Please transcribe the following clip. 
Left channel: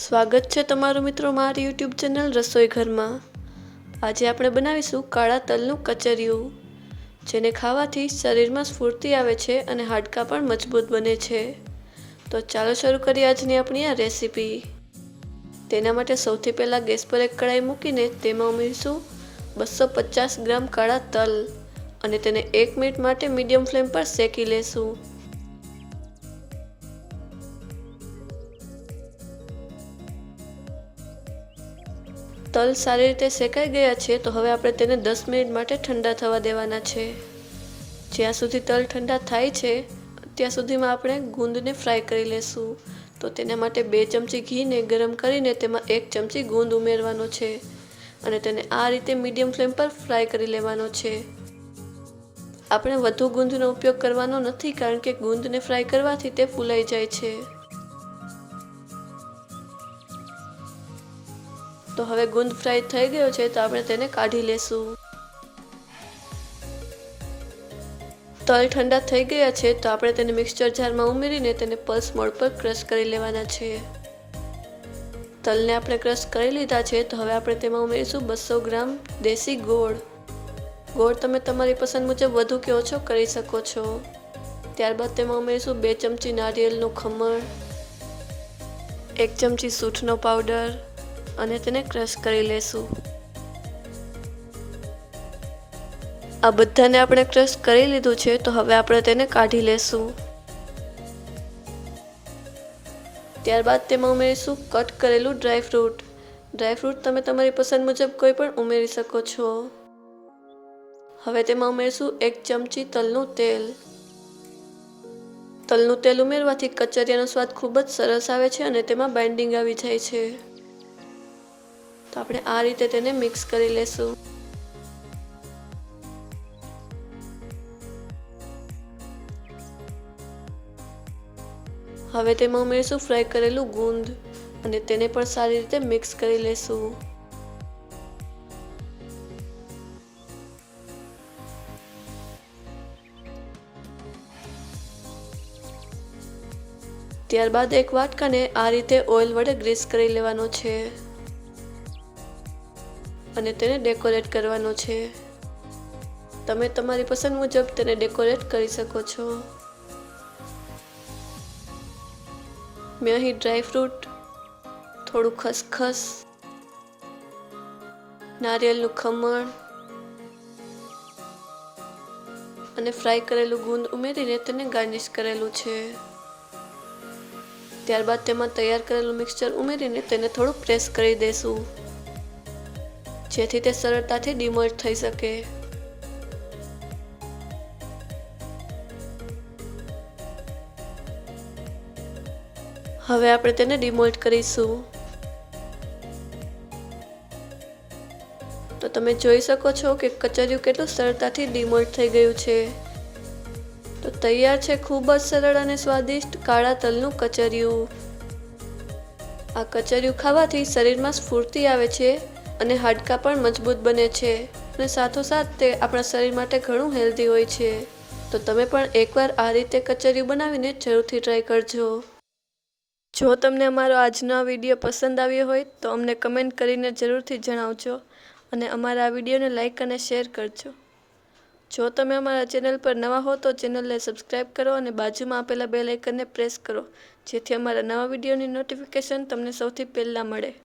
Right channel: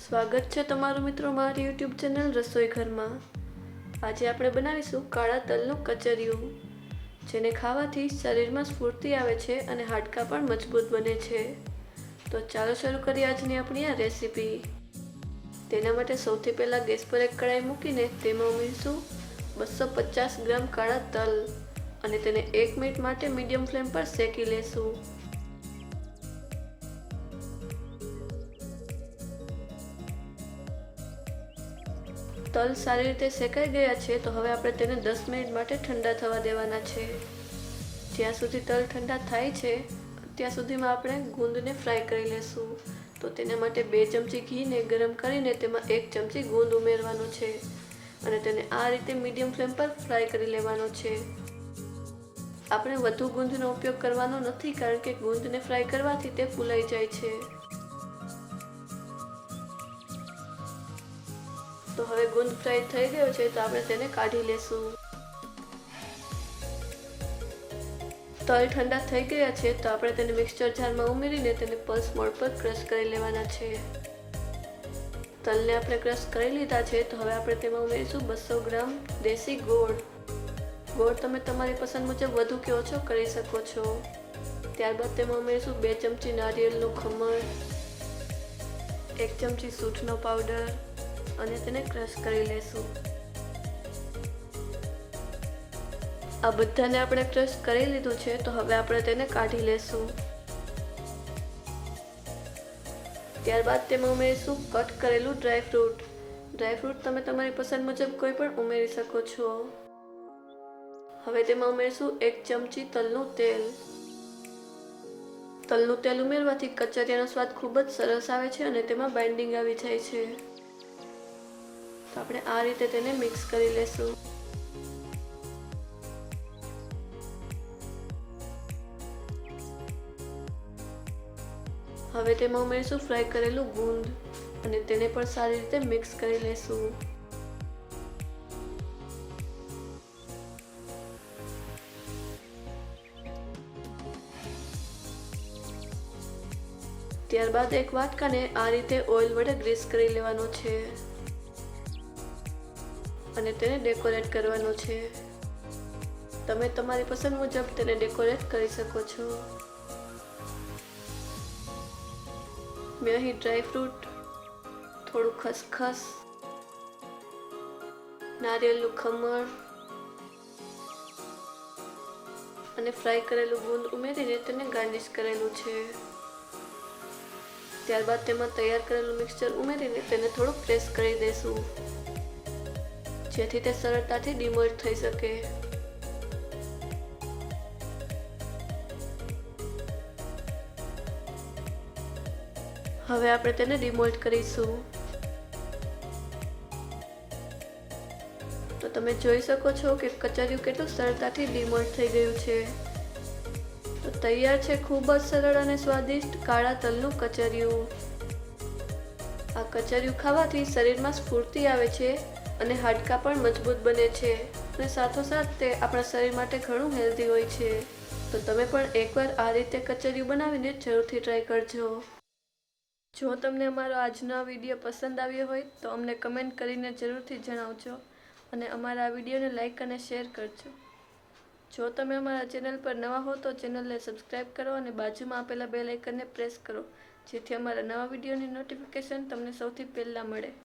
સ્વાગત છે તમારું મિત્રો મારી યુટ્યુબ ચેનલ રસોઈ ઘરમાં. આજે આપણે બનાવીશું કાળા તલનું કચરિયું, જેને ખાવાથી શરીરમાં સ્ફૂર્તિ આવે છે અને હાડકાં પણ મજબૂત બને છે. તો ચાલો શરૂ કરીએ આજની આપણી આ રેસીપી. તેના માટે સૌથી પહેલાં ગેસ પર એક કડાઈ મૂકીને તેમાં ઉમેરીશું બસો પચાસ ગ્રામ કાળા તલ અને તેને એક મિનિટ માટે મીડિયમ ફ્લેમ પર શેકી લેશું. તલ સારી રીતે શેકાઈ ગયા છે, તો હવે આપણે તેને દસ મિનિટ માટે ઠંડા થવા દેવાના છે. જ્યાં સુધી તલ ઠંડા થાય છે, ત્યાં સુધીમાં આપણે ગુંદને ફ્રાય કરી લેશું. તો તેના માટે બે ચમચી ઘીને ગરમ કરીને તેમાં એક ચમચી ગુંદ ઉમેરવાનો છે અને તેને આ રીતે મીડિયમ ફ્લેમ પર ફ્રાય કરી લેવાનો છે. આપણે વધુ ગુંદનો ઉપયોગ કરવાનો નથી, કારણ કે ગુંદને ફ્રાય કરવાથી તે ફૂલાઈ જાય છે. તો હવે ગુંદ ફ્રાય થઈ ગયો છે તો આપણે તેને કાઢી લેશું. તલ ઠંડા થઈ ગયા છે તો આપણે તેને મિક્સચર જારમાં ઉમેરીને તેને પલ્સ મોડ પર ક્રશ કરી લેવાના છે. તલને આપણે ક્રશ કરી લીધા છે તો હવે આપણે તેમાં ઉમેરીશું બસો ગ્રામ દેશી ગોળ. ગોળ તમે તમારી પસંદ મુજબ વધુ કે ઓછો કરી શકો છો. ત્યારબાદ તેમાં ઉમેરીશું બે ચમચી નારિયેળનું ખમણ, એક ચમચી સૂંઠનો પાવડર અને તેને ક્રશ કરી લેશું. આ બધાને આપણે ક્રશ કરી લીધું છે, તો હવે આપણે તેને કાઢી લેશું. ત્યારબાદ તેમાં ઉમેરીશું કટ કરેલું ડ્રાય ફ્રૂટ. ડ્રાય ફ્રૂટ તમે તમારી પસંદ મુજબ કોઈ પણ ઉમેરી શકો છો. હવે તેમાં ઉમેરીશું એક ચમચી તલનું તેલ. તલનું તેલ ઉમેરવાથી કચરિયાનો સ્વાદ ખૂબ જ સરસ આવે છે અને તેમાં બાઇન્ડિંગ આવી જાય છે. તો આપણે આ રીતે તેને મિક્સ કરી લેશું. હવે તેમાં ઉમેરીશું ફ્રાય કરેલું ગુંદ અને તેને પણ સારી રીતે મિક્સ કરી લેશું. ત્યારબાદ એક વાટકાને આ રીતે ઓઇલ વડે ગ્રીસ કરી લેવાનું છે. અને તેને ડેકોરેટ કરવાનું છે. તમે તમારી પસંદ મુજબ તેને ડેકોરેટ કરી શકો છો. મેં અહીં ડ્રાય ફ્રૂટ થોડું ખસખસ, નારિયેળનું ખમણ અને ફ્રાય કરેલું ગુંદ ઉમેરીને તેને ગાર્નિશ કરેલું છે. ત્યારબાદ તેમાં તૈયાર કરેલું મિક્સચર ઉમેરીને તેને થોડું પ્રેસ કરી દેશું. જેથી તે સરળતાથી ડિમોટ થઈ શકે. હવે આપણે તેને ડિમોલ્ટ કરીશું. તો તમે જોઈ શકો છો કે કચરિયું કેટલું સરળતાથી ડિમોલ્ટ થઈ ગયું છે. તો તૈયાર છે ખૂબ જ સરળ અને સ્વાદિષ્ટ કાળા તલનું કચરિયું. આ કચરિયું ખાવાથી શરીરમાં સ્ફૂર્તિ આવે છે. અને હાડકાં પણ મજબૂત બને છે અને સાથોસાથ તે આપણા શરીર માટે ઘણું હેલ્ધી હોય છે. તો તમે પણ એકવાર આ રીતે કચરિયું બનાવીને જરૂરથી ટ્રાય કરજો. જો તમને અમારો આજનો વીડિયો પસંદ આવ્યો હોય તો અમને કમેન્ટ કરીને જરૂરથી જણાવજો અને અમારા આ વિડીયોને લાઇક અને શેર કરજો. જો તમે અમારા ચેનલ પર નવા હો તો ચેનલને સબસ્ક્રાઈબ કરો અને બાજુમાં આપેલા બે લાઇકનને પ્રેસ કરો, જેથી અમારા નવા વિડીયોની નોટિફિકેશન તમને સૌથી પહેલાં મળે.